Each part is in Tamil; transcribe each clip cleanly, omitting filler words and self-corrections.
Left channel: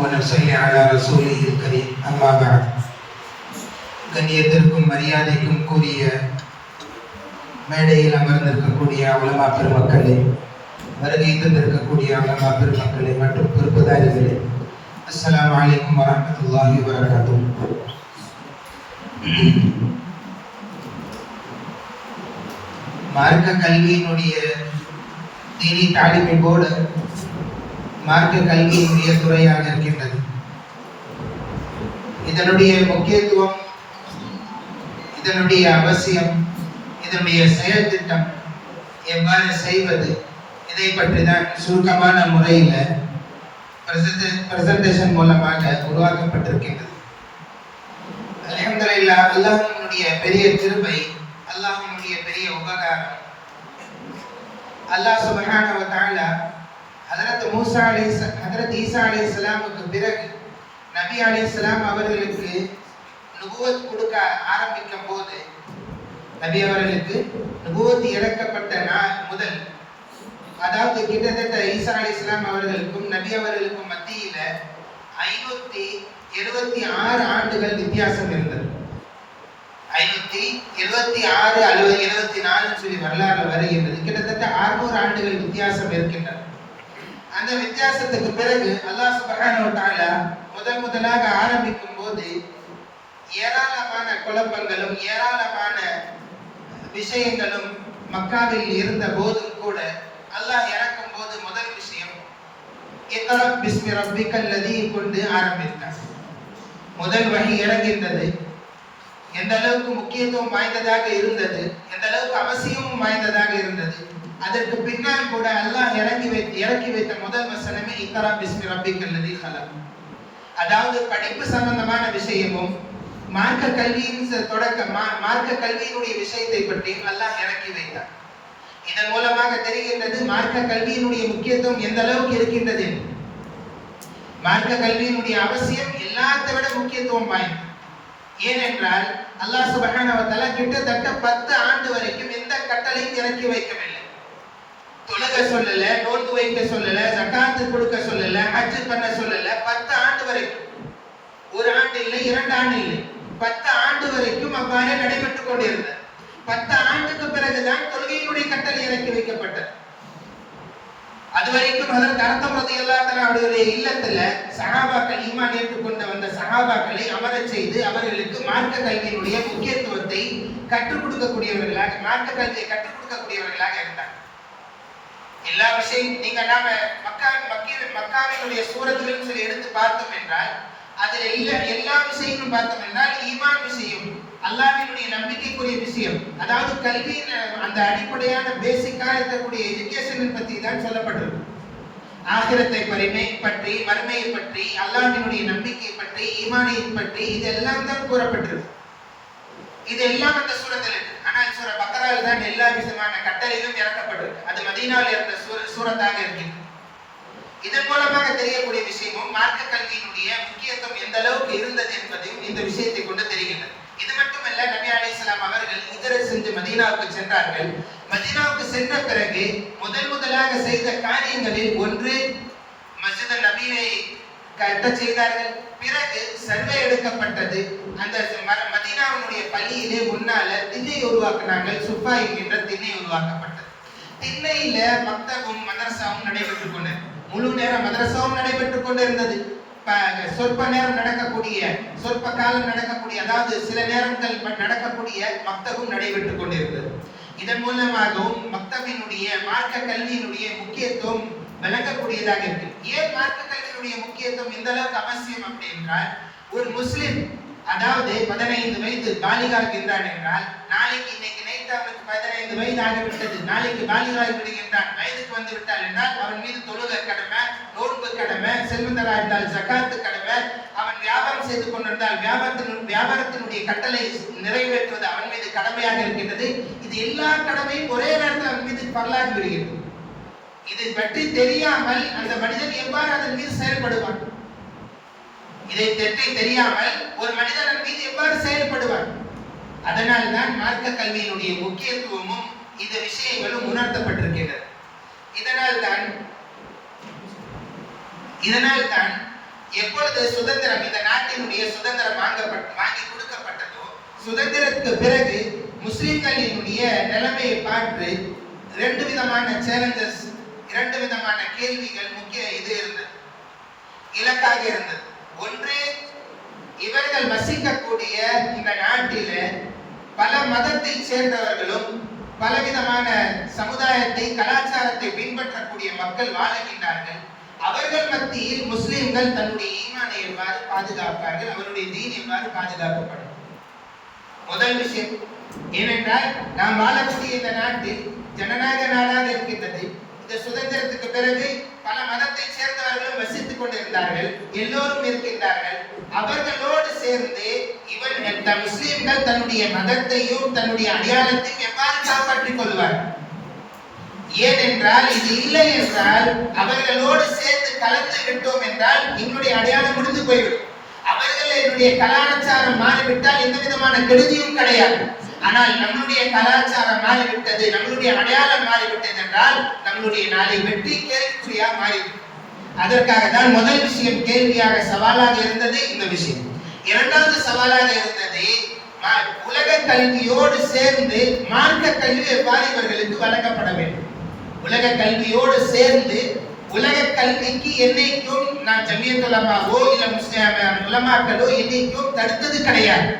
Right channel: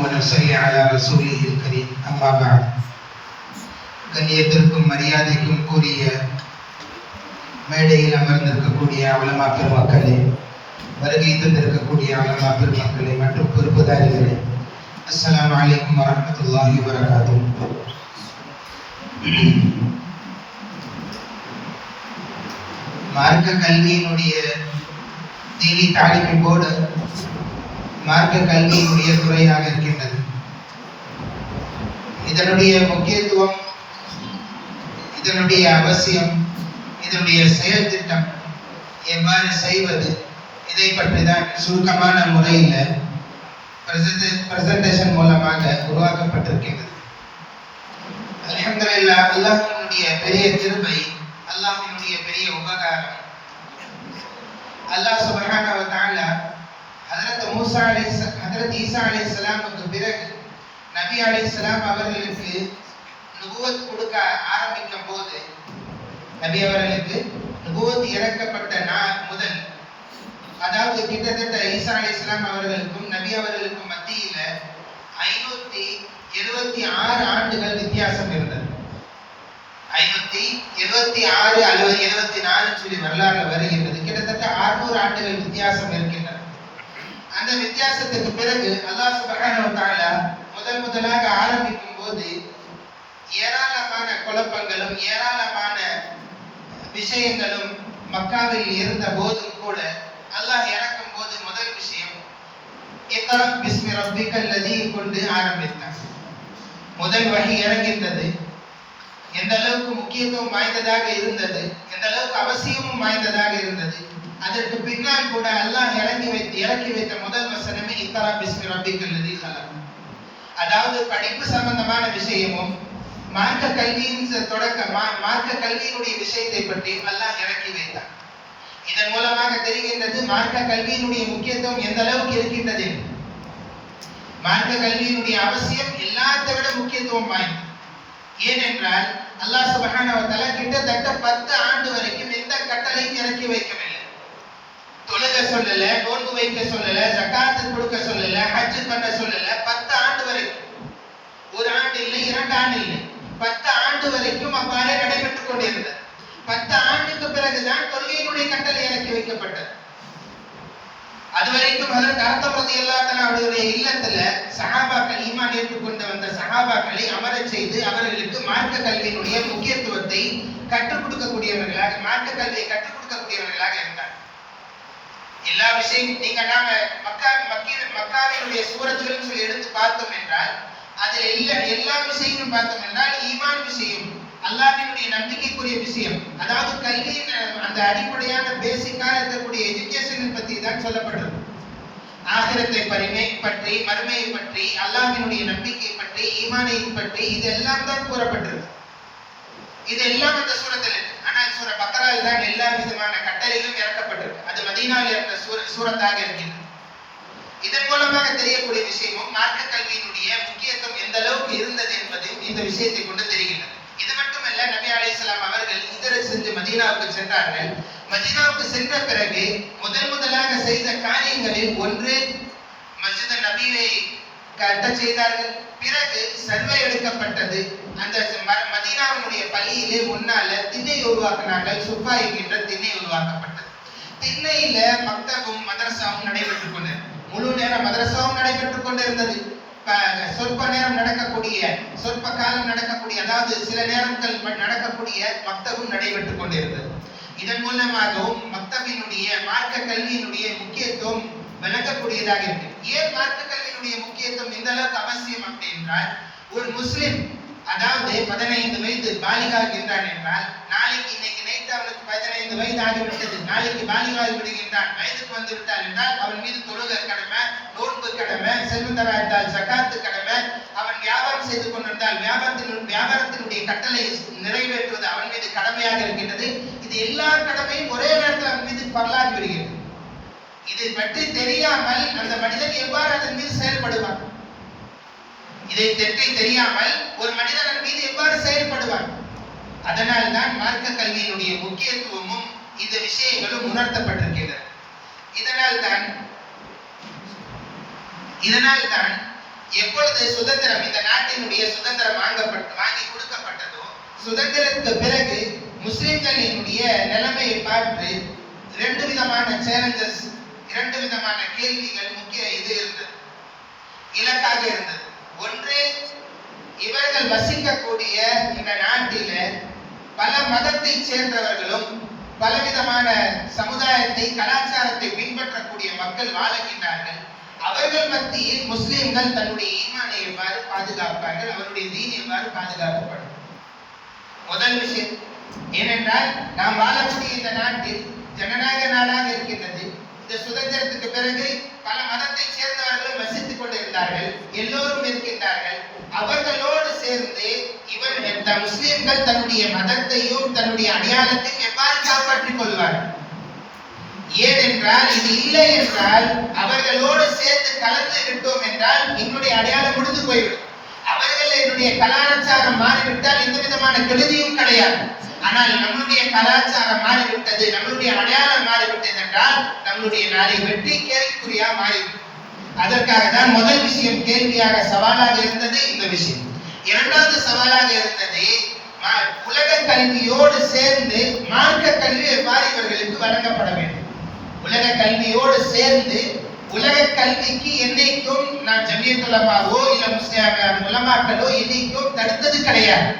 ونصلي على رسوله الكريم أما بعد கண்ணியத்திற்கும் மரியாதைக்கும் கூறிய மேடையில் அமர்ந்திருக்கக்கூடிய உலமா பெருமக்களே, வருகை தந்திருக்கக்கூடிய உலமா பெருமக்களே மற்றும் பொறுப்புதாரிகளே, அஸ்ஸலாமு அலைக்கும் வரஹ்மத்துல்லாஹி வபரகாத்துஹு. மார்க்க கல்வியினுடைய தீனி தாலிமின் போர்டு மார்க்க கல்வியினுடைய துறையாக இருக்கின்றது. இதனுடைய முக்கியத்துவம், இதனுடைய அவசியம், இதனுடைய செயல் திட்டம் எவ்வாறு செய்வது, இதை பற்றி தான் சுருக்கமான முறையில் பிரசன்டேஷன் மூலமாக உருவாக்கப்பட்டிருக்கின்றது. அல்ஹம்துலில்லாஹ், அல்லாஹ்வினுடைய பெரிய கிருபை, அல்லாஹ்வினுடைய பெரிய உபகாரம். அல்லாஹ் சுப்ஹானஹு வ தஆலா ஹஜ்ரத் ஈசா அலைஹிஸ்ஸலாமுக்கு பிறகு நபி அலைஹிஸ்ஸலாம் அவர்களுக்கு நுபுவத் கொடுக்க ஆரம்பிக்கும் போது, நபி அவர்களுக்கு நுபுவத் இறக்கப்பட்ட நாள் முதல், அதாவது கிட்டத்தட்ட ஈசா அலைஹிஸ்ஸலாம் அவர்களுக்கும் நபி அவர்களுக்கும் மத்தியில 576 ஆண்டுகள் வித்தியாசம் இருந்தது. 576 அல்லது 74 சொல்லி வரலாறு வருகின்றது. கிட்டத்தட்ட 600 ஆண்டுகள் வித்தியாசம் இருக்கின்றன. அந்த வித்தியாசத்துக்கு பிறகு அல்லாஹ் சுப்ஹானஹு வ தஆலா முதலாக ஆரம்பிக்கும் போது ஏராளமான குழப்பங்களும் ஏராளமான விஷயங்களும் மக்காவில் இருந்த போதும் கூட அல்லாஹ் இறக்கும் போது முதல் விஷயம் இக்ரா பிஸ்மி ரப்பிக்கல் லதீ கொண்டு ஆரம்பித்தார். முதல் வஹி இறங்கின்றது. எந்த அளவுக்கு முக்கியத்துவம் வாய்ந்ததாக இருந்தது, எந்த அளவுக்கு அவசியமும் வாய்ந்ததாக இருந்தது. அதற்கு பின்னால் கூட அல்லாஹ் இறக்கி வைத்த முதல் வசனமே இக்ரா பிஸ்மி ரப்பிக்கல் லதீ ஹலக். அதாவது படிப்பு சம்பந்தமான விஷயமும் மார்க்க கல்வியின் மார்க்க கல்வியினுடைய விஷயத்தை பற்றி அல்லாஹ் இறக்கி வைத்தார். இதன் மூலமாக தெரிகின்றது மார்க்க கல்வியினுடைய முக்கியத்துவம் எந்த அளவுக்கு இருக்கின்றது. மார்க்க கல்வியினுடைய அவசியம் எல்லாத்தை விட முக்கியத்துவம் வாய்ந்தது. ஏனென்றால் அல்லாஹ் சுப்ஹானஹு வ தஆலா கிட்டத்தட்ட 10 ஆண்டு வரைக்கும் எந்த கட்டளையும் இறக்கி வைக்கவில்லை. தொழுக சொல்லல, நோன்பு வைக்க சொல்லல, ஜகாத் கொடுக்க சொல்லல, ஹஜ் பண்ண சொல்லல. 10 ஆண்டு வரைக்கும், ஒரு ஆண்டு இல்லை, 2 ஆண்டு இல்லை, 10 ஆண்டு வரைக்கும் அவ்வாறே நடைபெற்றுக் கொண்டிருந்தது. 10 ஆண்டுக்கு பிறகுதான் தொழுகையினுடைய கட்டளை இறக்கி வைக்கப்பட்டது. அதுவரைக்கும் அதற்கு அர்த்தம் அவருடைய இல்லத்துல சஹாபாக்கள், ஈமான் ஏற்றுக்கொண்டு வந்த சஹாபாக்களை அமரச் செய்து அவர்களுக்கு மார்க்க கல்வியினுடைய முக்கியத்துவத்தை கற்றுக் கொடுக்கக்கூடியவர்களாக, மார்க்க கல்வியை கற்றுக் கொடுக்கக்கூடியவர்களாக இருந்தார். எல்லா விஷயம் நாம மக்காவினுடைய சூரத்துகள் சொல்லி எடுத்து பார்த்தோம் என்றால் அதில் எல்லா விஷயங்களும் பார்த்தோம் என்றால் ஈமான் விஷயம், அல்லாஹ்வினுடைய நம்பிக்கைக்குரிய விஷயம், அதாவது கல்வியின் அந்த அடிப்படையான பேசிக்காக இருக்கக்கூடிய எஜுகேஷன் பற்றி தான் சொல்லப்பட்டது. ஆகிரத்தை பற்றி, மறுமையை பற்றி, அல்லாஹ்வினுடைய நம்பிக்கை பற்றி, ஈமானை பற்றி இதெல்லாம் தான் கூறப்பட்டது. இதெல்லாம் அந்த சூரத்தில் இருக்கு. ஆனால் சூரா பக்ராவில் தான் எல்லா விதமான கட்டளைகளும் இறக்கப்பட்டிருக்கு. அது மதீனாவில் இருந்த சூரத்தாக இருக்கின்றது. இதன் மூலமாக தெரியக்கூடிய விஷயமும் மார்க்க கல்வியினுடைய முக்கியத்துவம் எந்த அளவுக்கு இருந்தது என்பதையும் இந்த விஷயத்தை கொண்டு தெரிகிறது. இது மட்டுமல்ல, நபி அலைஹிஸ்ஸலாம் அவர்கள் இதர சென்று மதீனாவுக்கு சென்றார்கள். மதீனாவுக்கு சென்ற பிறகு முதலாக செய்த காரியங்களில் ஒன்று மஸ்ஜித் நபியை கட்ட செய்தார்கள். பிறகு சர்வே எடுக்கப்பட்டது. அந்த மதீனாவினுடைய பள்ளியிலே முன்னால திண்ணை உருவாக்கினார்கள். சுஃபா என்கின்ற திண்ணை உருவாக்கப்பட்டது. திண்ணையில மக்தபும் மதரசாவும் நடைபெற்றுக் கொண்டது. முழு நேர மதரசாவும் நடைபெற்றுக் கொண்டிருந்தது. சொற்ப நேரம் நடக்கக்கூடிய, சொற்ப காலம் நடக்கக்கூடிய, அதாவது சில நேரங்கள் நடக்கக்கூடிய மக்தபும் நடைபெற்றுக் கொண்டிருந்தது. இதன் மூலமாகவும் மக்தபினுடைய மார்க்க கல்வியினுடைய முக்கியத்துவம் விளங்கக்கூடியதாக இருக்கு. ஏன் மார்க்க கல்வியினுடைய முக்கியத்துவம் இந்த அளவுக்கு அவசியம் அப்படி என்றால், ஒரு முஸ்லிம் அதாவது 15 வயது பாலிகாகின்றான் என்றால், நாளைக்கு இன்னைக்கு நைட் அவனுக்கு 15 வயது ஆகிவிட்டது, நாளைக்கு பாலிகாகி விடுகின்றான், வயதுக்கு வந்து விட்டால் என்றால் அவன் மீது தொழுகை கடமை, நோன்பு கடமை, செல்வந்தராய்த்தால் ஜகாத்து கடமை, அவன் வியாபாரம் செய்து கொண்டிருந்தால் வியாபாரத்தினுடைய கட்டளை நிறைவேற்றுவது அவன் மீது கடமையாக இருக்கின்றது. இது எல்லா கடமையும் ஒரே நேரத்தில் அவன் மீது பரலாகி விடுகிறது. இதை பற்றி தெரியாமல் அந்த மனிதன் எவ்வாறு அதன் மீது செயல்படுவான்? இதை தெரியாமல் ஒரு மனிதன் மீது எவ்வாறு செயல்படுவான்? அதனால் தான் மார்க்க கல்வியினுடைய முக்கியத்துவமும் இந்த விஷயங்களும் உணர்த்தப்பட்டிருக்கின்றது. இதனால் தான் எப்பொழுது சுதந்திரம் இந்த நாட்டினுடைய சுதந்திரம் வாங்கி கொடுக்கப்பட்டதோ, சுதந்திரத்துக்கு பிறகு முஸ்லிம்களினுடைய நிலைமையை பார்த்து இரண்டு விதமான சேலஞ்சஸ், இரண்டு விதமான கேள்விகள் முக்கிய இலக்காக இருந்தது. ஒன்று, இவர்கள் வசிக்கக்கூடிய இந்த நாட்டில பல மதத்தை சேர்ந்தவர்களும் பலவிதமான சமுதாயத்தை, கலாச்சாரத்தை பின்பற்றக்கூடிய மக்கள் வாழுகின்றார்கள். அவர்கள் மத்தியில் முஸ்லிம்கள் தன்னுடைய ஈமானை எவ்வாறு பாதுகாப்பார்கள், அவருடைய தீன் எவ்வாறு பாதுகாக்கப்படும். முதல் விஷயம் ஏனென்றால், நாம் வாழக்கூடிய இந்த நாட்டில் ஜனநாயக நாடாக இருக்கின்றது. இந்த சுதந்திரத்துக்கு பிறகு பல மதத்தை சேர்ந்தவர்களும் வசித்துக் கொண்டிருந்தார்கள், எல்லோரும் இருக்கின்றார்கள். அவர்களோடு சேர்ந்து முஸ்லிம்கள் தன்னுடைய மதத்தையும் தன்னுடைய அடையாளத்தையும் எவ்வாறு காப்பாற்றிக் கொள்வார்கள்? ஏனென்றால் இது இல்லை என்றால், அவர்களோடு சேர்ந்து கலந்து விட்டோம் என்றால் என்னுடைய அடையாளம் முடிந்து போய்விடும். அவர்கள் என்னுடைய கலாச்சாரம் மாறிவிட்டால் எந்த விதமான கெடுதியும் கிடையாது. ஆனால் நம்முடைய கலாச்சாரம் மாறிவிட்டது, நம்முடைய அடையாளம் மாறிவிட்டது என்றால் நம்முடைய நாளை வெற்றி கேள்விக்குறியா மாறிவிடும். அதற்காக தான் முதல் விஷயம் கேள்வியாக சவாலாக இருந்தது இந்த விஷயம். இரண்டாவது சவாலாக இருந்தது, உலக கல்வியோடு சேர்ந்து மார்க்க கல்வி எவ்வாறு இவர்களுக்கு வழங்கப்பட வேண்டும். உலக கல்வியோடு சேர்ந்து உலக கல்விக்கு என்னைக்கும் நான் ஜமியத் உலமாவோ இல்ல முஸ்லிம் உலமாக்களோ என்னைக்கும் தடுத்தது கிடையாது.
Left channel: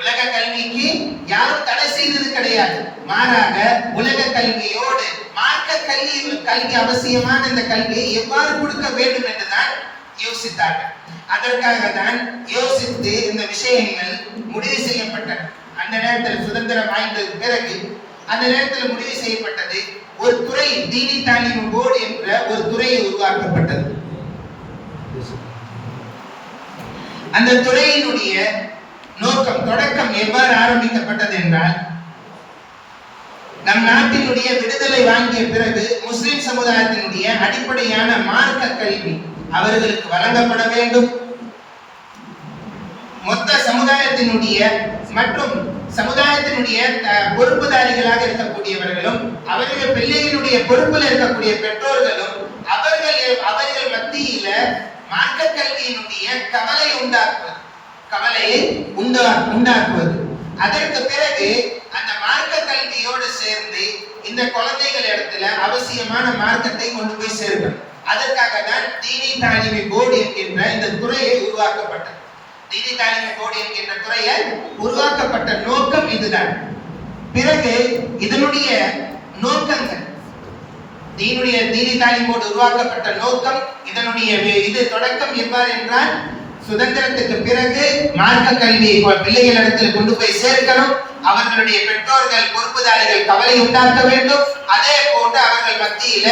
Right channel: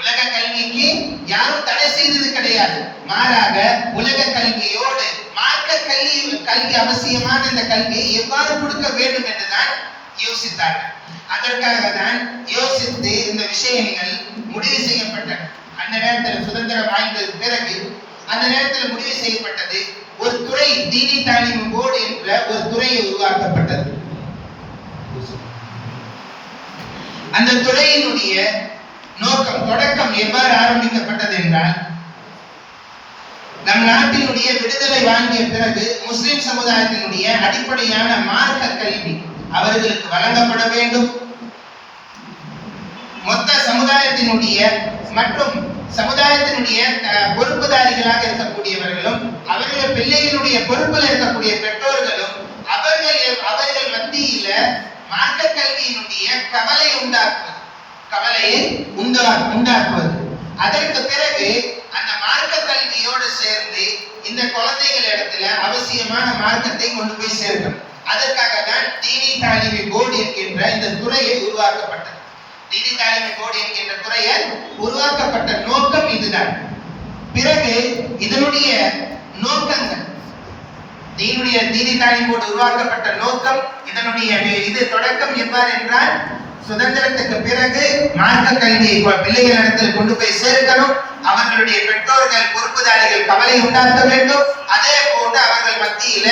உலக கல்விக்கு யாரும் தடை செய்தது கிடையாது. மாறாக உலக கல்வியோடு மார்க்க கல்வி அவசியமான இந்த கல்வியை எவ்வாறு கொடுக்க வேண்டும் என்றுதான் யோசித்தார்கள். அதற்காக தான் யோசித்து இந்த விஷயங்கள் முடிவு செய்யப்பட்டன. அந்த நேரத்தில் சுதந்திரம் வாய்ந்தது பிறகு அந்த நேரத்தில் முடிவு செய்யப்பட்டது, ஒரு துறை தீனி தாலீம் போர்டு என்ற ஒரு துறையை உருவாக்கப்பட்டது. அந்த துறையினுடைய நோக்கம், தொடக்கம் எவ்வாறு ஆரம்பிக்கப்பட்டது என்றால், நம் நாட்டினுடைய விடுதலை வாங்கிய பிறகு முஸ்லிம் சமுதாயத்தினுடைய அடிப்படையான மார்க்க கல்வி அவர்களுக்கு வழங்கப்பட வேண்டும். மொத்த சமுதாயத்தினுடைய மற்றும் சமுதாயத்தினுடைய பொறுப்புதாரிகளாக இருக்கக்கூடியவர்களும் அவர்கள் பிள்ளைகளுடைய பொறுப்பில் இருக்கக்கூடிய பெற்றோர்களும் அவர்கள் மத்தியில மார்க்க கல்வியினுடைய கவலையை உண்டாக்குவது. அதற்கு பிறகு அந்த மார்க்க கல்வியோடு சேர்ந்து இந்த குழந்தைகள் இடத்துல அவசியமான மார்க்கத்தை கொண்டு போய் சேர்க்கணும். அதற்காக தான் தீனி தாலீம் போர்டு என்கின்ற இந்த துறையை உருவாக்கப்பட்டது. தீனி தாலீம் போர்டு என்கின்ற துறையை உருவாக்கப்பட்ட நோக்கம் இதுதான். பிறகு இதனுடைய நோக்கங்கள், தீனி தாலீம் போர்டு உருவாக்கப்பட்ட நோக்கம், இதனுடைய தொடக்கம் எவ்வாறு என்றால், சுதந்திரத்துக்கு பிறகு மார்க்க கல்வியை பிள்ளைகள் இடத்தில் கொண்டு போய் சேர்க்கணும். அவர்களுடைய பெற்றோர்கள் பொறுப்புதாரிகள் கவலை உண்டாக்க வேண்டும். அதே போன்று அவர்கள் மத்தியில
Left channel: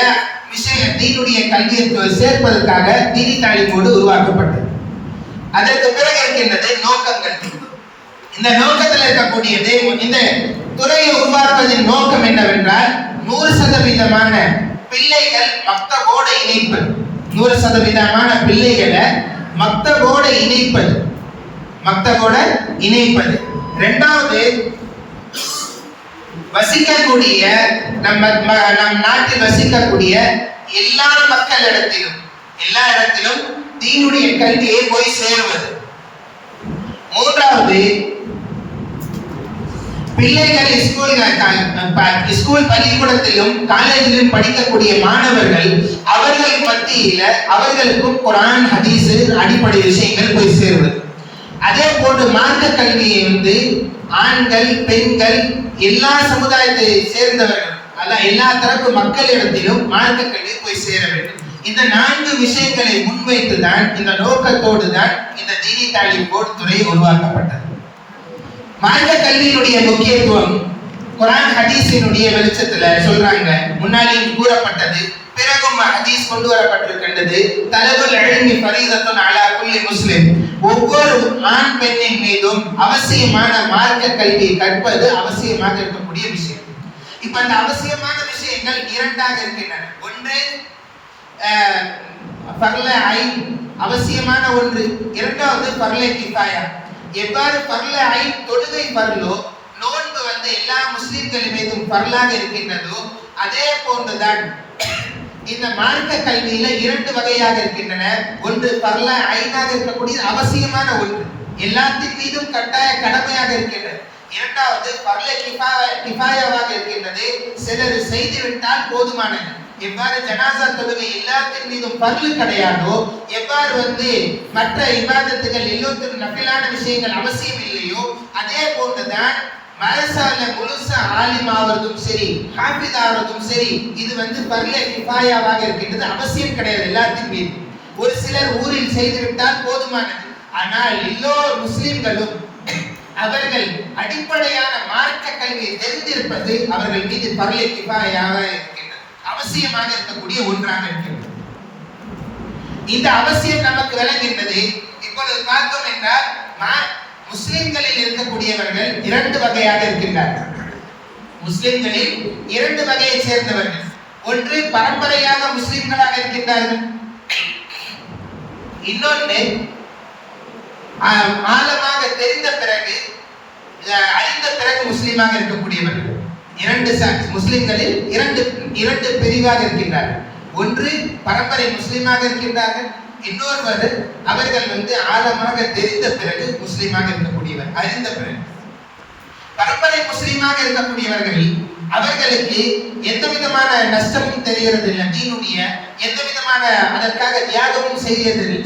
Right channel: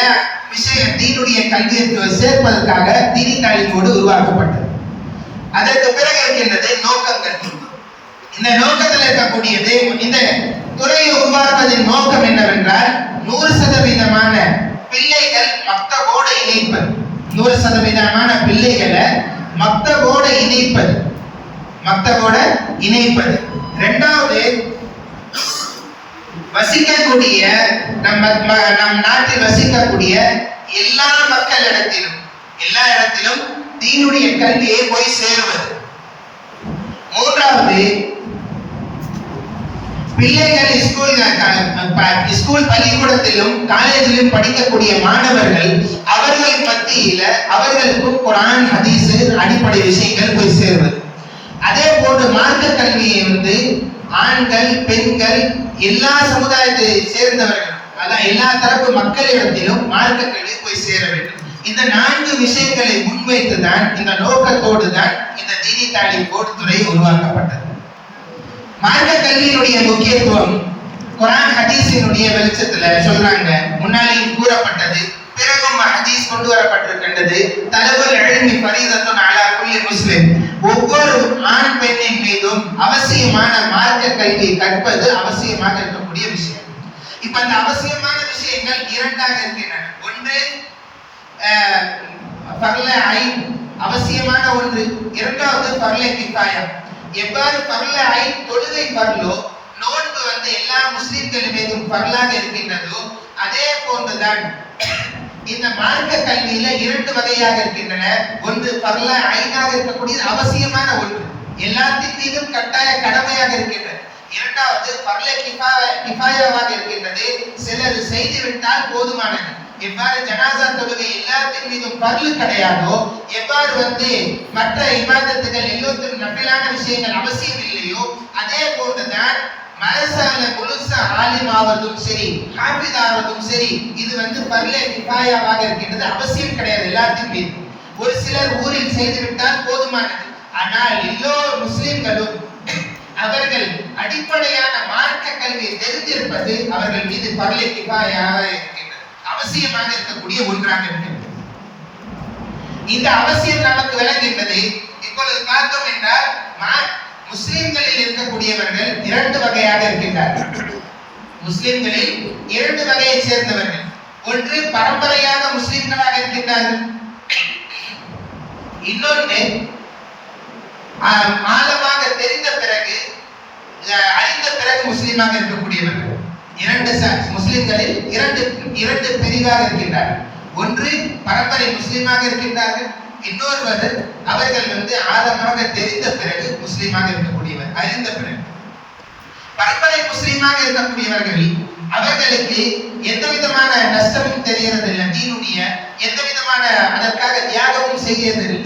தீனுடைய கல்வியை சேர்ப்பதற்காக தீனி தாலீம் போர்டு உருவாக்கப்பட்டது. அதற்கு பிறகு இருக்கின்றது நோக்கங்கள். இந்த நோக்கத்தில் இருக்கக்கூடியது, இந்த துறையை உருவாக்குவதின் நோக்கம் என்னவென்றால், 100% பிள்ளைகள் மக்தபோடு இணைப்பது. 100% பிள்ளைகளை மக்தபோடு இணைப்பது. இரண்டாவது, வசிக்கக்கூடிய நம் நாட்டில் வசிக்கக்கூடிய எல்லா இடத்திலும் தீனுடைய கல்வியை போய் சேருவது. மூன்றாவது, பிள்ளைகள் ஸ்கூல் பள்ளிக்கூடத்திலும் காலேஜிலும் படிக்கக்கூடிய மாணவர்கள் அவர்கள் மத்தியில அவர்களுக்கும் குர்ஆன் ஹதீஸ் அடிப்படை விஷயங்கள் போய் சேருவது. அதே போன்று மார்க்க கல்வியை ஆண்கள் பெண்கள் எல்லா சமுதாயத்தை சேர்ந்தவர்கள் எல்லா தரப்பு மக்களிடத்திலும் மார்க்க கல்வி போய் சேர வேண்டும். இந்த 4 விஷயங்களை முன்வைத்துதான், இந்த நோக்கத்தோடு தான் இந்த தீனி தாலீம் போர்டு துறை உருவாக்கப்பட்டது. மார்க்க கல்வியினுடைய முக்கியத்துவம் குர்ஆன் ஹதீஸினுடைய வெளிச்சத்துல சொல்றாங்க. முன்னாலேயும் கூறப்பட்டது, பிறகும் ஹதீஸ் கொண்டு வரப்பட்டிருக்கின்றது. தலபுல் இல்மி ஃபரீதத்துன் அலா குல்லி முஸ்லிம். ஒவ்வொரு ஆண் பெண்ணின் மீதும் அவசியமான மார்க்க கல்வி கற்பது அவசியமாக இருக்கக்கூடிய விஷயம். இப்ப அந்த அவசியமான விஷயங்கள் 2ஆக இருக்கின்றன. ஒன்று ஃபர்ல ஐன், அவசியமான ஒன்று. இரண்டாவது ஃபர்ல கிஃபாயா. எவ்வாறு ஃபர்ல ஐன் தொழுகை ஃபர்லோ, நோன்பு எல்லா முஸ்லிம்கள் மீதும் ஃபர்லாக இருக்கின்றதோ, அதே போன்றுதான் இந்த மார்க்க கல்வியில இரண்டு வகையாக இருக்கின்றன. ஒன்று பரல ஐனாக இருக்கக்கூடிய அவசியமான ஒன்று, எல்லாத்தின் மீதும் கட்டாய கடமையாக இருக்கின்றது. இரண்டாவது பரல கிஃபாயாவாக இருக்கின்றது, சிலர் செய்துவிட்டால் போதுமானது. எவ்வாறு ஜனாசா தொழுகை எல்லாத்தின் மீதும் பர்லு கிடையாதோ, எவ்வாறு மற்ற இபாதத்துகள் எல்லாத்திலும் நபிலான விஷயங்கள் அவசியம் இல்லையோ, அதே போன்றுதான் மதரசால முழுசா ஆலிம் ஆவதும் சரி, ஹாஃபிஸ் ஆவதும் சரி, இது பர்ல கிஃபாயாவாக இருக்கின்றது, அவசியம் கிடையாது எல்லாத்தின் மீது. ஒரு சிலர் ஊரில் செய்துவிட்டால் போதுமானது. ஆனால் எல்லோரு முஸ்லிம்களும் அவர்கள் அடிப்படையான மார்க்க கல்வியை தெரிந்திருப்பது அவர்கள் மீது பர்ல கிஃபாயாக இருக்கின்றது, அவசியமாக இருக்கக்கூடிய ஒன்றாக இருக்கின்றது. இந்த அவசியம் நமக்கு விளங்குகின்றது. இப்பொழுது பார்த்தோம் என்றால் முஸ்லிம்களில் இருக்கக்கூடியவர்கள் இரண்டு வகையாக இருக்கின்றார்கள். முஸ்லிம்களில் இரண்டு வகையை சேர்ந்தவர்கள். ஒன்று பரம்பரையாக முஸ்லிம்களாக இருக்கின்றார்கள், இன்னொன்று ஆழமாக தெரிந்த பிறகு அறிந்த பிறகு முஸ்லிமாக இருக்கக்கூடியவர்கள். இரண்டு முஸ்லிம்களில் இரண்டு பிரிவாக இருக்கின்றார்கள். ஒன்று பரம்பரை முஸ்லிமாக இருக்கின்றார்கள், இன்னொருவர் அவர்கள் ஆழமாக தெரிந்த பிறகு முஸ்லிமாக இருக்கக்கூடியவர், அறிந்த பிறகு. பரம்பரை முஸ்லிமாக இருக்கக்கூடியவர்கள் அவர்களுக்கு எந்த விதமான நஷ்டமும் தெரிகிறது இல்லை, தீனுடைய எந்த விதமான அதற்காக தியாகமும்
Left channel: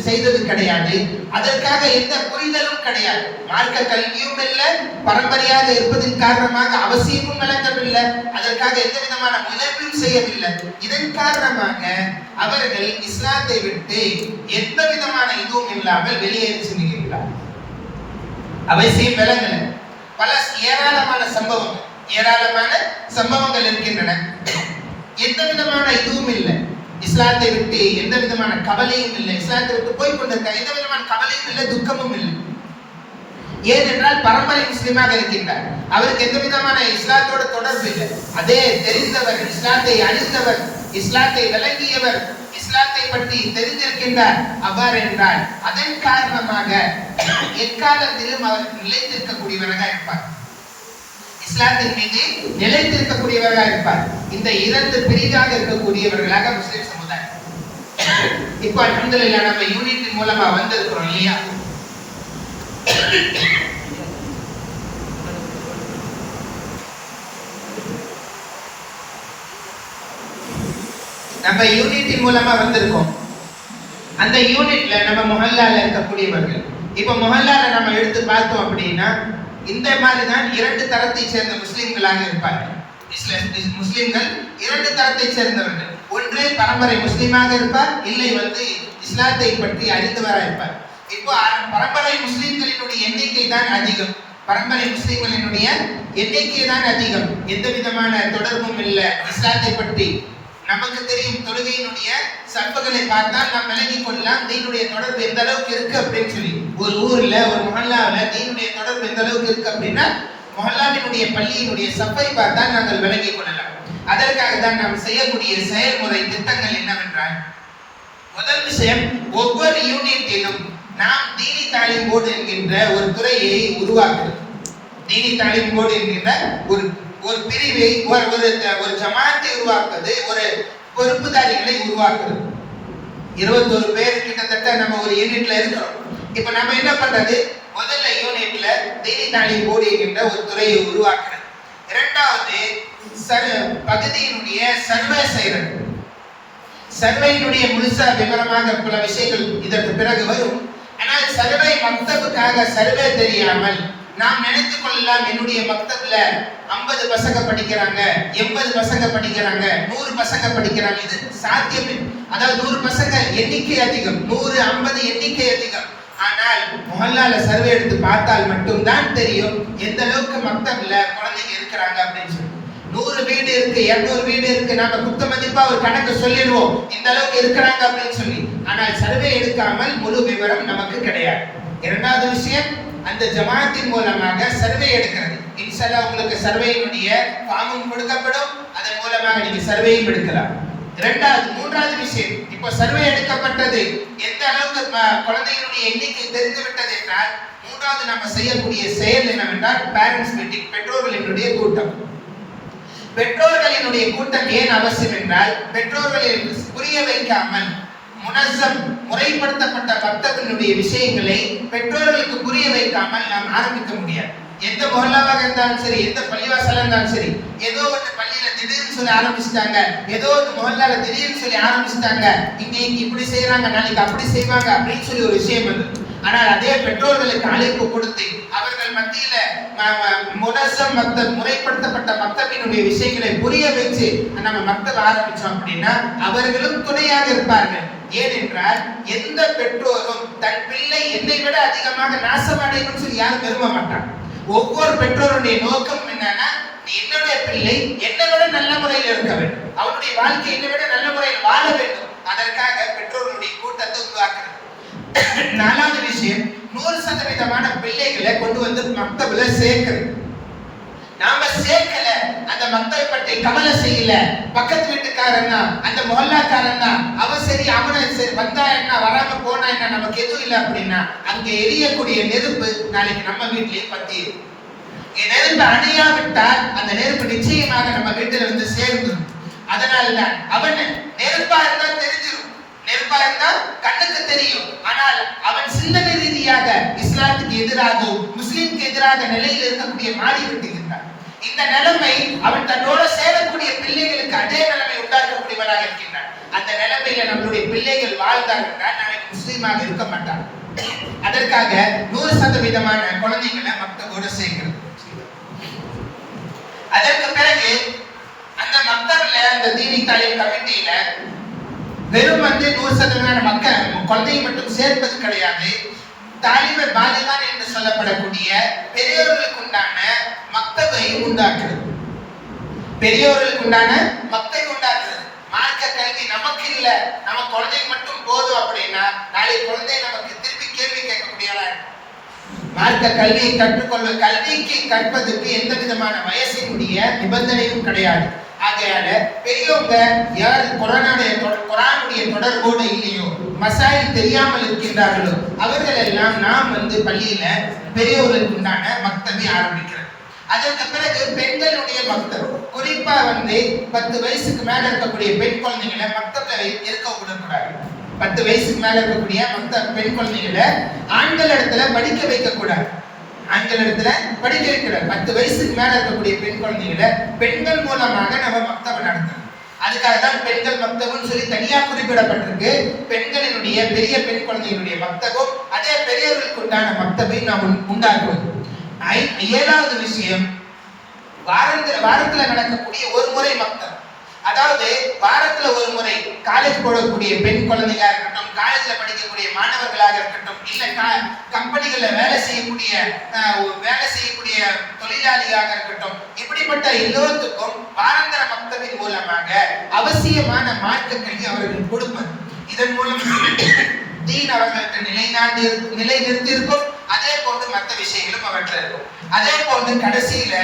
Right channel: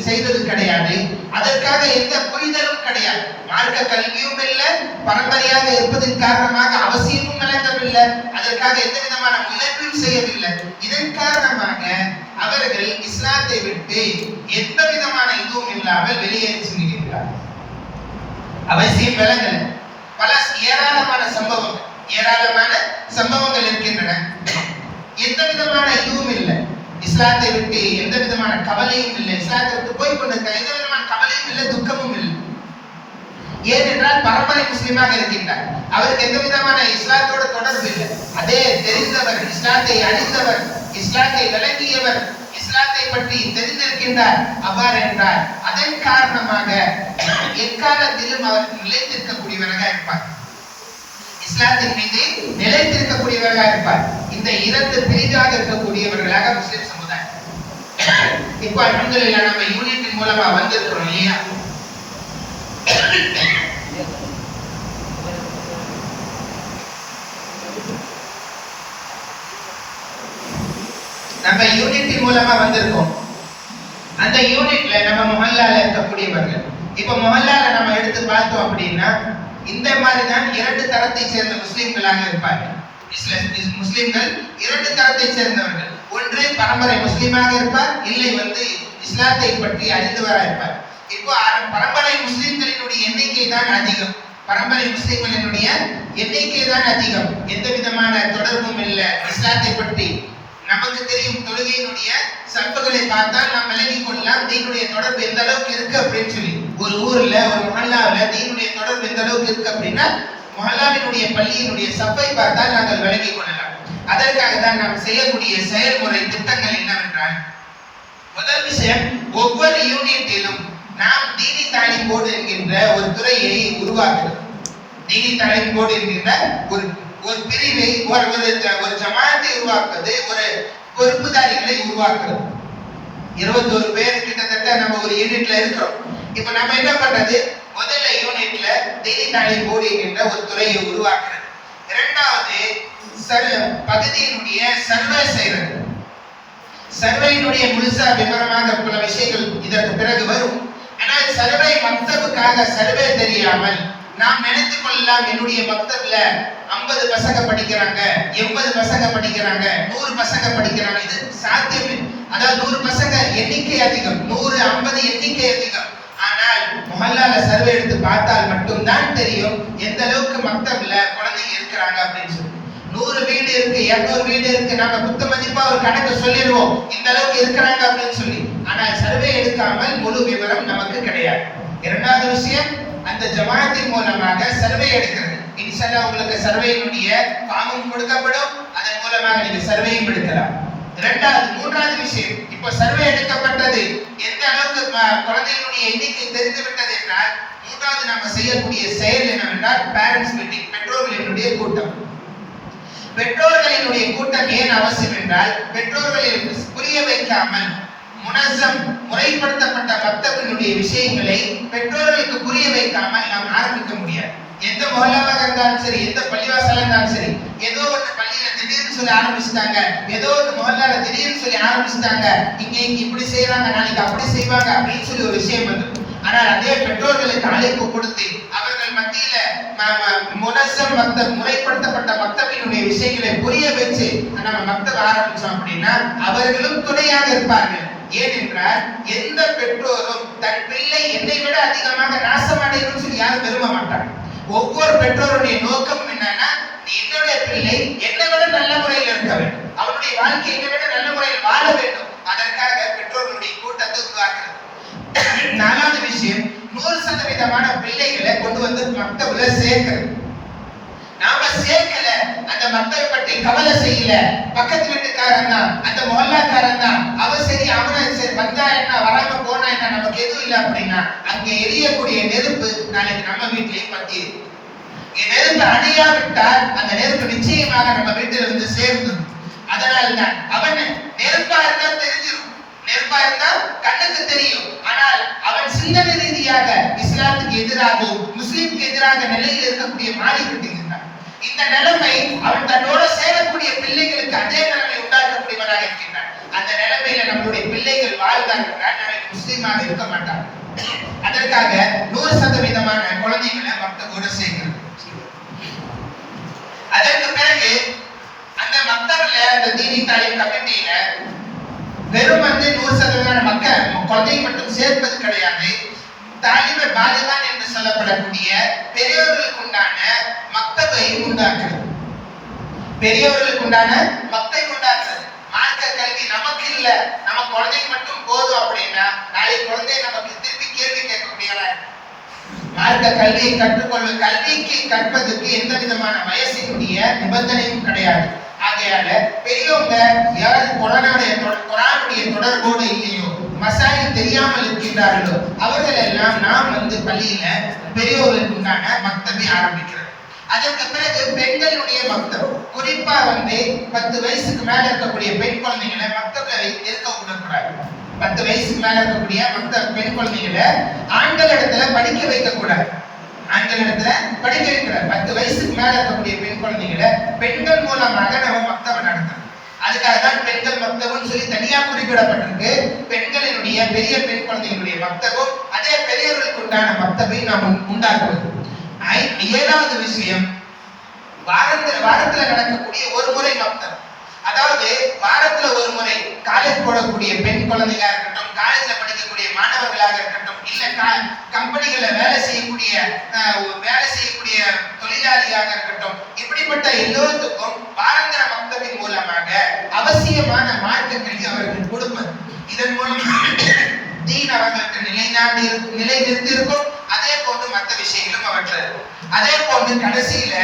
செய்தது கிடையாது, அதற்காக எந்த புரிதலும் கிடையாது, மார்க்க கல்வியும் இல்லை, பரம்பரையாக இருப்பதன் காரணமாக அவசியமும் விளங்கவில்லை, அதற்காக எந்த விதமான முயற்சியும் செய்யவில்லை. இதன் காரணமாக அவர்கள் இஸ்லாத்தை விட்டு எந்த விதமான இதுவும் இல்லாமல் வெளியேறி செல்கிறார்கள். அவசியம் விளங்கல. பல ஏராளமான சம்பவங்கள் இருக்கின்றன. எந்த விதமான இதுவும் இல்லை, இஸ்லாத்தை விட்டு எந்த விதமான கவலையும் இல்லை, இஸ்லாத்தை விட்டு போய்கொண்டிருக்க எந்த விதமான கவலையும் இல்லை, துக்கமும் இல்லை. ஏனென்றால் பரம்பரை முஸ்லிமாக இருக்கின்றார், அவருக்கு எந்த விதமான இஸ்லாத்தோட தொடர்பு இல்லை. அதே தெரிந்தவர், இஸ்லாத்தை அறிந்தவர், இஸ்லாத்தை விளங்கியவர், இஸ்லாத்தை பற்றி தெரிந்திருக்கின்றார். அவ்வாறு என்றால் அதன் காரணமாக எக்காலத்திலும் அவர் நிலைத்திருக்கக்கூடியவராக இருப்பார், இஸ்லாத்தின் மீது நிலைத்திருக்கக்கூடியவர்களாக இருப்பார். இந்த இரண்டு பிரிவாக இருக்கக்கூடியவர்களாக முஸ்லிம் சமுதாயம். இப்போ அல்ஹம்துலில்லாஹ் நம்ம யூனிட்டின் மூலமா வந்திருக்கிறோம் இல்லையா? நம்ம யூனிட்டின் மூலமா வந்திருக்கோம். அந்த யூனிட்ல நம்ம முஹல்லால இருக்கக்கூடியவர்கள், இப்ப முஹல்லால நம்ம எடுத்து பார்த்தோம் அப்படின்னா இந்த மாதிரி தான் இரண்டு தரத்தை சேர்ந்த முஸ்லிம்களாக இருப்பார்கள். முஸ்லிம்கள் இரண்டு தரத்தை சேர்ந்தவர்கள். ஒன்று பரம்பரை முஸ்லிமாக இருப்பார், இல்லை இஸ்லாத்தை பற்றி அறிந்தவராக இருப்பார். இப்போ பரம்பரை முஸ்லிம்களினுடைய எண்ணிக்கை தான் அதிகம், பரம்பரை முஸ்லிம்களினுடைய எண்ணிக்கை தான் அதிகம். எந்த விதமான தொடர்பும் இல்லை இஸ்லாத்தை பற்றி. நமக்கு தெரியும் தொழுகையினுடைய சம்புகளை பார்த்தால் நாம் விளங்கிக் கொள்ளலாம் தீனுடைய தொடர்பு எந்த அளவுக்கு இருக்கு அப்படின்னு சொல்லி. ஒரு ஊர்ல ஒரு முஹல்லால தீனுடைய தொடர்பு எந்த அளவுக்கு இருக்கு அப்படின்னா முஹல்லாவினுடைய பள்ளியினுடைய சப்பை பார்த்தால் நாங்கள் விளங்கிக் கொள்ளலாம். அதற்காக தான் நாம் செய்யக்கூடிய செயல்முறை திட்டங்கள் என்னவென்றால், முதல் விஷயம், ஒவ்வொரு யூனிட்டிலும் நாம் தீனி தாலீம் போர்டு என்கின்ற ஒரு துறையை உருவாக்குறோம். தீனி தாலீம் போர்டு என்கின்ற ஒரு பிரிவை, ஒரு ஜமாத்தை உருவாக்குவது, ஒரு பொறுப்புதாரிகளை உருவாக்குறது. 21 பேர் கிட்டத்தட்ட நம்ம ஒரு யூனிட்ல இருக்கிறோம். இப்ப நம்ம என்ன பண்றது, முதல்ல யூனிட்ல தீனி தாலீம் போர்டு என்கின்ற ஒரு துறையை உருவாக்குறது. இரண்டாவது பகுதியினுடைய சர்வே செய்யறது. சர்வேயினுடைய முழுசா விவரமாக பல விஷயங்கள் இதற்கு பிறகு வரும். ஆனால் சர்வே மக்தபுக்காக சர்வே தெரியாமல் நாம் நினைத்துக் கொள்ளலாம் என்னுடைய மக்தப்ல 50 பசங்க படிக்கிறாங்க, 80 பசங்க படிக்கிறாங்க, 100 பசங்க படிக்கிறாங்க. இது சாத்தியமே. அதாவது 100 பசங்க எண்ணிக்கை அதிகம், 100 50 எண்ணிக்கை அதிகம். ஆனால் முஹல்லால சர்வே எடுத்து பார்த்தால் மட்டும்தான் தெரியும் எந்த அளவுக்கு மக்தப்ல குழந்தைங்க இருக்கிறாங்க அப்படின்னு சொல்லி. 100 வீடு இருக்கு, 200 வீடு இருக்கு, நாம குத்த மதிப்பா ஒரு கணக்கு சொல்லிடுவோம் இந்த அளவுக்கு இருக்கிறாங்க அப்படின்னு சொல்லி. ஆனால் சர்வே எடுக்காமல் முழு விவரம் நமக்கு கிடையாது. இரண்டாவது விஷயம், அந்த ஜமாத்தின் மூலமாக சர்வே எடுக்கிறது. இன்ஷாஅல்லாஹ் உங்களுக்கு சர்வேயினுடைய ஃபார்மும் கொடுக்கப்படும், அதன் மூலமாக நீங்க சர்வேயும் எடுக்கலாம். மூன்றாவது விஷயம், இப்போ சர்வே எடுக்கப்பட்டது, எந்த அளவுக்கு குழந்தைகளுடைய எண்ணிக்கை தெரிந்து விட்டது என்றால், மூன்றாவது நம்ம செய்யக்கூடிய செயல் என்னவென்றால் பேரண்ட்ஸ் மீட்டிங், பெற்றோர்களினுடைய கூட்டம். பெற்றோர்களினுடைய கூட்டம் ஏன் அவசியம் என்றால், பெற்றோர்களை புரிய வைக்காமல் முனஸ்ஸம் முறைப்படுத்தப்பட்ட மக்தபினுடைய விஷயங்களை பெற்றோர்களுக்கு புரிய வைக்காமல் நாம் ஆரம்பிக்க முடியாது. எந்த மொஹல்லாவாக இருந்தாலும் சரி, எந்த பள்ளிவாசலா இருந்தாலும் சரி, ஏதோ ஒரு பள்ளியில திடீர்னு சொல்லி ஆரம்பிச்சுட்டாங்க, ஏதோ ஒரு மொஹல்லால திடீர்னு சொல்லி ஆரம்பிச்சுட்டாங்க, இன்னைக்கு இப்படி செய்யறாங்க, நாளைக்கு அப்படி செய்வாங்க அப்படின்னு சொல்லி ஒரு விஷயம் வந்து, ஆனால் அதே பெற்றோர்களுக்கு அழைப்பு கொடுத்து அவர்கள் மத்தியில முனஸ்ஸம் மக்தப் முறைப்படுத்தப்பட்ட மக்தபினுடைய விஷயங்களை புரிய வச்சு நம்ம மக்தப் ஆரம்பிச்சோம் அப்படின்னா அவர்களும் துணையாக இருப்பார்கள். ஏனென்றால் எந்த பெற்றோரும் தன் பிள்ளை என்னை விட அதிகமாக நாசமடையணும்னு சொல்லி யாரும் விரும்ப மாட்டாங்க. ஒவ்வொரு பெற்றோருடைய நோக்கம் என்னன்னா, என்னுடைய பிள்ளை என்னை விட நல்ல முறையில் இருக்க வேண்டும், அவருடைய வாழ்க்கை என்னை விட நல்ல முறையில் வாழ வேண்டும். அதற்காக பெற்றோர்களுடைய கூட்டத்தை உருவாக்குறது. நாலாவது விஷயம், 100% பிள்ளைகளை கொண்டு வந்து மக்தபில சேர்க்கிறது. நாம சேர்க்கல, அந்த மக்தபை பற்றி கவலை செய்யல, பக்கத்து வீட்டுக்காரன் தான், அந்த மொஹல்லாக்காரன் தான், அவன் சரி அவனை சரி, வந்தா என்ன வராம போனா என்ன, நமக்கு எதுவும் இல்லை அப்படின்னா அங்க எரியக்கூடிய நெருப்பு நாளைக்கு நம்ம வீட்டிலையும் பத்தி நெருப்பு அணையாவிட்டால் அந்த நெருப்பு நிச்சயமாக நம்ம வீட்டில வந்து சேர்ந்துடும். அதனால்தான் அவன் நெருப்பா இருந்தா தெரிஞ்சிடும், நெருப்பா இருந்தா கண்ணுக்கு தெரியும், ஆனால் அவன் சிந்தனை ரீதியாக இஸ்லாத்துக்கு எதிராகவும் முஸ்லிம்க்கு எதிராக நிலையில் இருக்கக்கூடிய மாறி விட்டுகின்றான். இந்த நிலைமை அவன் தன்னோட சேரக்கூடிய பிள்ளைகளுக்கு அதே நிலைமை உண்டாக்கக்கூடியவனாக இருக்கின்றான். அந்த நிலைமையில நம்மளுடைய பிள்ளைகள் வாழ்ந்தார்கள் நாளைக்கு முஸ்லீமாக இருக்க மாட்டாங்க. அதற்காக 100% குழந்தைகளை மக்தபோட சேர்க்கிறது. அதற்கு பிறகு அந்த மக்தப்ல அந்த தீனி தாலீம் கமிட்டியில வெறும் 100% மக்கள் குழந்தையை மட்டும் சேர்ப்பது கிடையாது. தாலிமை பாலிகான் என்று சொல்லப்படக்கூடிய பெரியோர்களுக்கு உண்டான மக்தபை உண்டாக்குறது. பெரியோர்களுக்கு உண்டான மக்தபை உண்டாக்குறது. மார்க்க கல்வி நமக்கு இல்ல, நம்ம குழந்தைக்கு மட்டும் போதும் அப்படின்னா நாளைக்கு குழந்தை நமக்கு திருப்பி கேள்வி கேட்கக்கூடிய மார்க்க கல்வியை கற்றுக்கொள்ள, கல்விக்கு கற்பதற்கு எந்த விதமான வயசினுடைய நிபந்தனையும் கிடையாது. ஆகையால பெரியவங்க யார் குர்ஆனுடைய தொடர்போடு இல்லையோ, மசாயில் தெரியாமல் இருக்கின்றார்களோ, அவர்கள் எல்லாம் நாம் பள்ளியில பெரியோர்களுக்கு உண்டான மக்தபை ஆரம்பிக்கிறோம். அதற்கு பிறகு பெண்களுடைய மக்தப், குறிப்பா 10 வயசுக்கு மேல இருக்கக்கூடிய பெண் குழந்தைகளை மக்தப்ல இருக்க விடக்கூடாது. 10 வயசுக்கு மேல இருக்கக்கூடிய பெண் குழந்தைகளை ஆண்கள் இடத்துல படிக்க வைக்க கூடாது. ஆண்கள் இடத்துல படிக்க வைக்கூடாது. 10 வயசுக்கு மேல இருக்கக்கூடிய பெண் குழந்தைகளை பெண்கள் மூலமாக நம்ம மக்தபை நடத்தணும். அதுக்காக தான் பெண்கள் மக்தபுன்னு சொல்லி தனியா குறிப்பிடப்பட்டிருக்கு. பெண்களினுடைய பெரிய பெண் குழந்தைகளுடைய மக்தபும் அதே பெரியவர்களுக்கு உண்டான மக்தபை நாம் உண்டாக்குவது. 7வது விஷயம், வாரத்துல நடக்கக்கூடிய ஒரு முறை மக்தப். அதாவது வாரத்துல ஒரு முறை காலேஜ் போடக்கூடிய பெண் குழந்தைகளா இருக்கட்டும், காலேஜ்ல படிக்கக்கூடிய மாணவர்களாக இருக்கட்டும், இல்ல கம்பெனிகள்ல வேலை செய்யக்கூடிய தொழிலாளியாக இருக்கட்டும், இப்படிப்பட்ட எல்லோருக்கும் வாராந்திர மக்தபின் மூலமாக அவசியமான மார்க்க கல்வி அவர்கள் கொடுப்பது. இதன் மூலம் தீன் அவர்களுக்கு நிலைநிறுத்தி இருக்கும். அதே போன்று மற்ற விஷயங்களும் அவற்றில் இருக்கும். அதே போன்று கடைசியில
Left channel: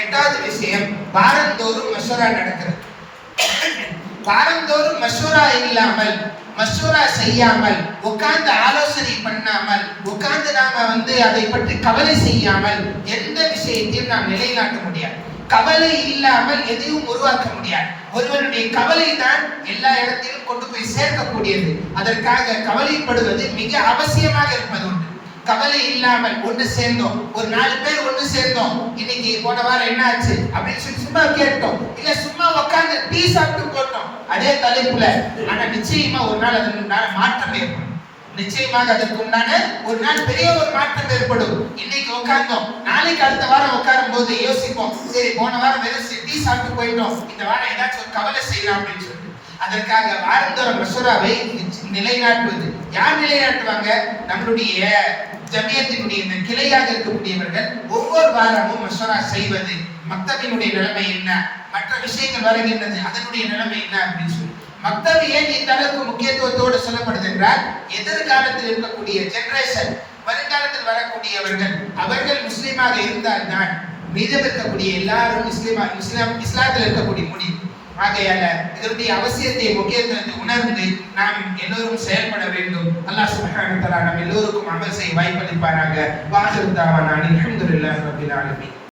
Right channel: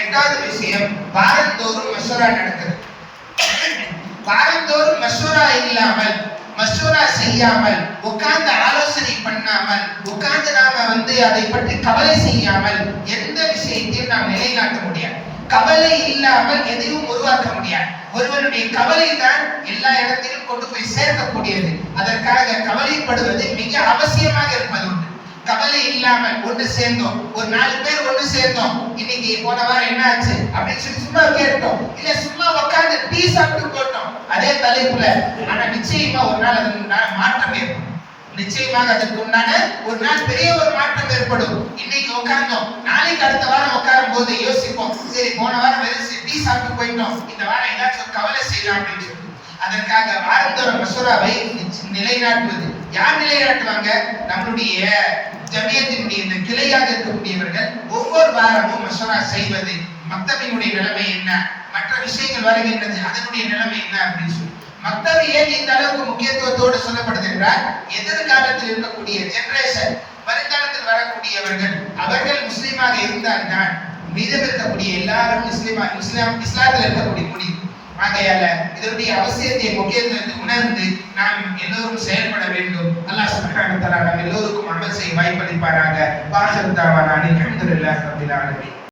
8வது விஷயம், வாரந்தோறும் மசூரா நடக்கிறது. வாரந்தோறும் மசூரா இல்லாமல், மசூரா செய்யாமல், உட்கார்ந்து ஆலோசனை பண்ணாமல், உட்கார்ந்து நாம அதை பற்றி கவலை செய்யாமல் எந்த விஷயத்தையும் நாம் நிலைநாட்ட முடியாது. கவலை இல்லாமல் எதையும் உருவாக்க முடியாது. ஒருவனுடைய கவலை தான் எல்லா இடத்திலும் கொண்டு போய் சேர்க்கக்கூடியது. அதற்காக கவலைப்படுவது மிக அவசியமாக இருப்பது உண்டு. கவலை இல்லாமல் ஒன்று சேர்ந்தோம், ஒரு 4 பேர் ஒன்று சேர்ந்தோம், இன்னைக்கு போன வாரம் என்ன ஆச்சு அப்படின்னு சொல்லி சும்மா கேட்டோம், இல்ல சும்மா உட்கார்ந்து டீ சாப்பிட்டு போட்டோம் அதே தலைப்புல, ஆனா நிச்சயமா ஒரு நாள் அதற்கு மாற்றம் ஏற்படும். நிச்சயமாக அதற்கு உண்டான ஒரு நாள் பெரிய ஒரு மாற்றம் ஏற்படும். இன்னைக்கு உட்கார்ந்தோம், நாளைக்கு அடுத்த வாரம் உட்காரும் போது யோசிப்போம், சரி போன வாரம் வெறும் டீ சாப்பிட்டு போயிட்டோம், இந்த வாரம் ஏதாச்சும் கவலை செய்யலாம் அப்படின்னு சொல்லி. அதற்காக வாரந்தோற மசூராவை நிலைநாட்டுவது யார் நிலைநாட்டுவாங்க? நம்மளுடைய ஜமியத்தினுடைய இந்த கிளையாக இருக்கக்கூடியவர்கள் ஒவ்வொரு வாரமும் மசூரா செய்வது, மக்தபினுடைய நிலைமை என்ன, மற்ற விஷயங்கள் வருகின்றது அதனுடைய நிலைமை என்ன அப்படின்னு சொல்லி. மக்தபி ஏன் இந்த அளவுக்கு முக்கியத்துவத்தோடு சொல்லப்படுது என்றால், எதிர்காலத்தில் இருக்கக்கூடிய ஜெனரேஷன், வருங்காலத்தில் வரக்கூடியவர்கள் அவர்கள் முஸ்லீமாக இருந்தால்தான் மீதம் இருக்கக்கூடிய எல்லாரும் இஸ்லாத்தில் இருக்கக்கூடிய முடியும். ஆகையால இதனுடைய அவசியத்தை, முக்கியத்துவத்தை உணர்ந்து நாம் எல்லோரும் செயல்பட வேண்டும். அல்லாஹ் சுப்ஹானஹு வ தஆலா நம் எல்லோருக்கும் அமல் செய்ய வாய்ப்பளிப்பாராக. வாஹிரு தஅவானா அல்ஹம்துலில்லாஹி ரப்பில் ஆலமீன்.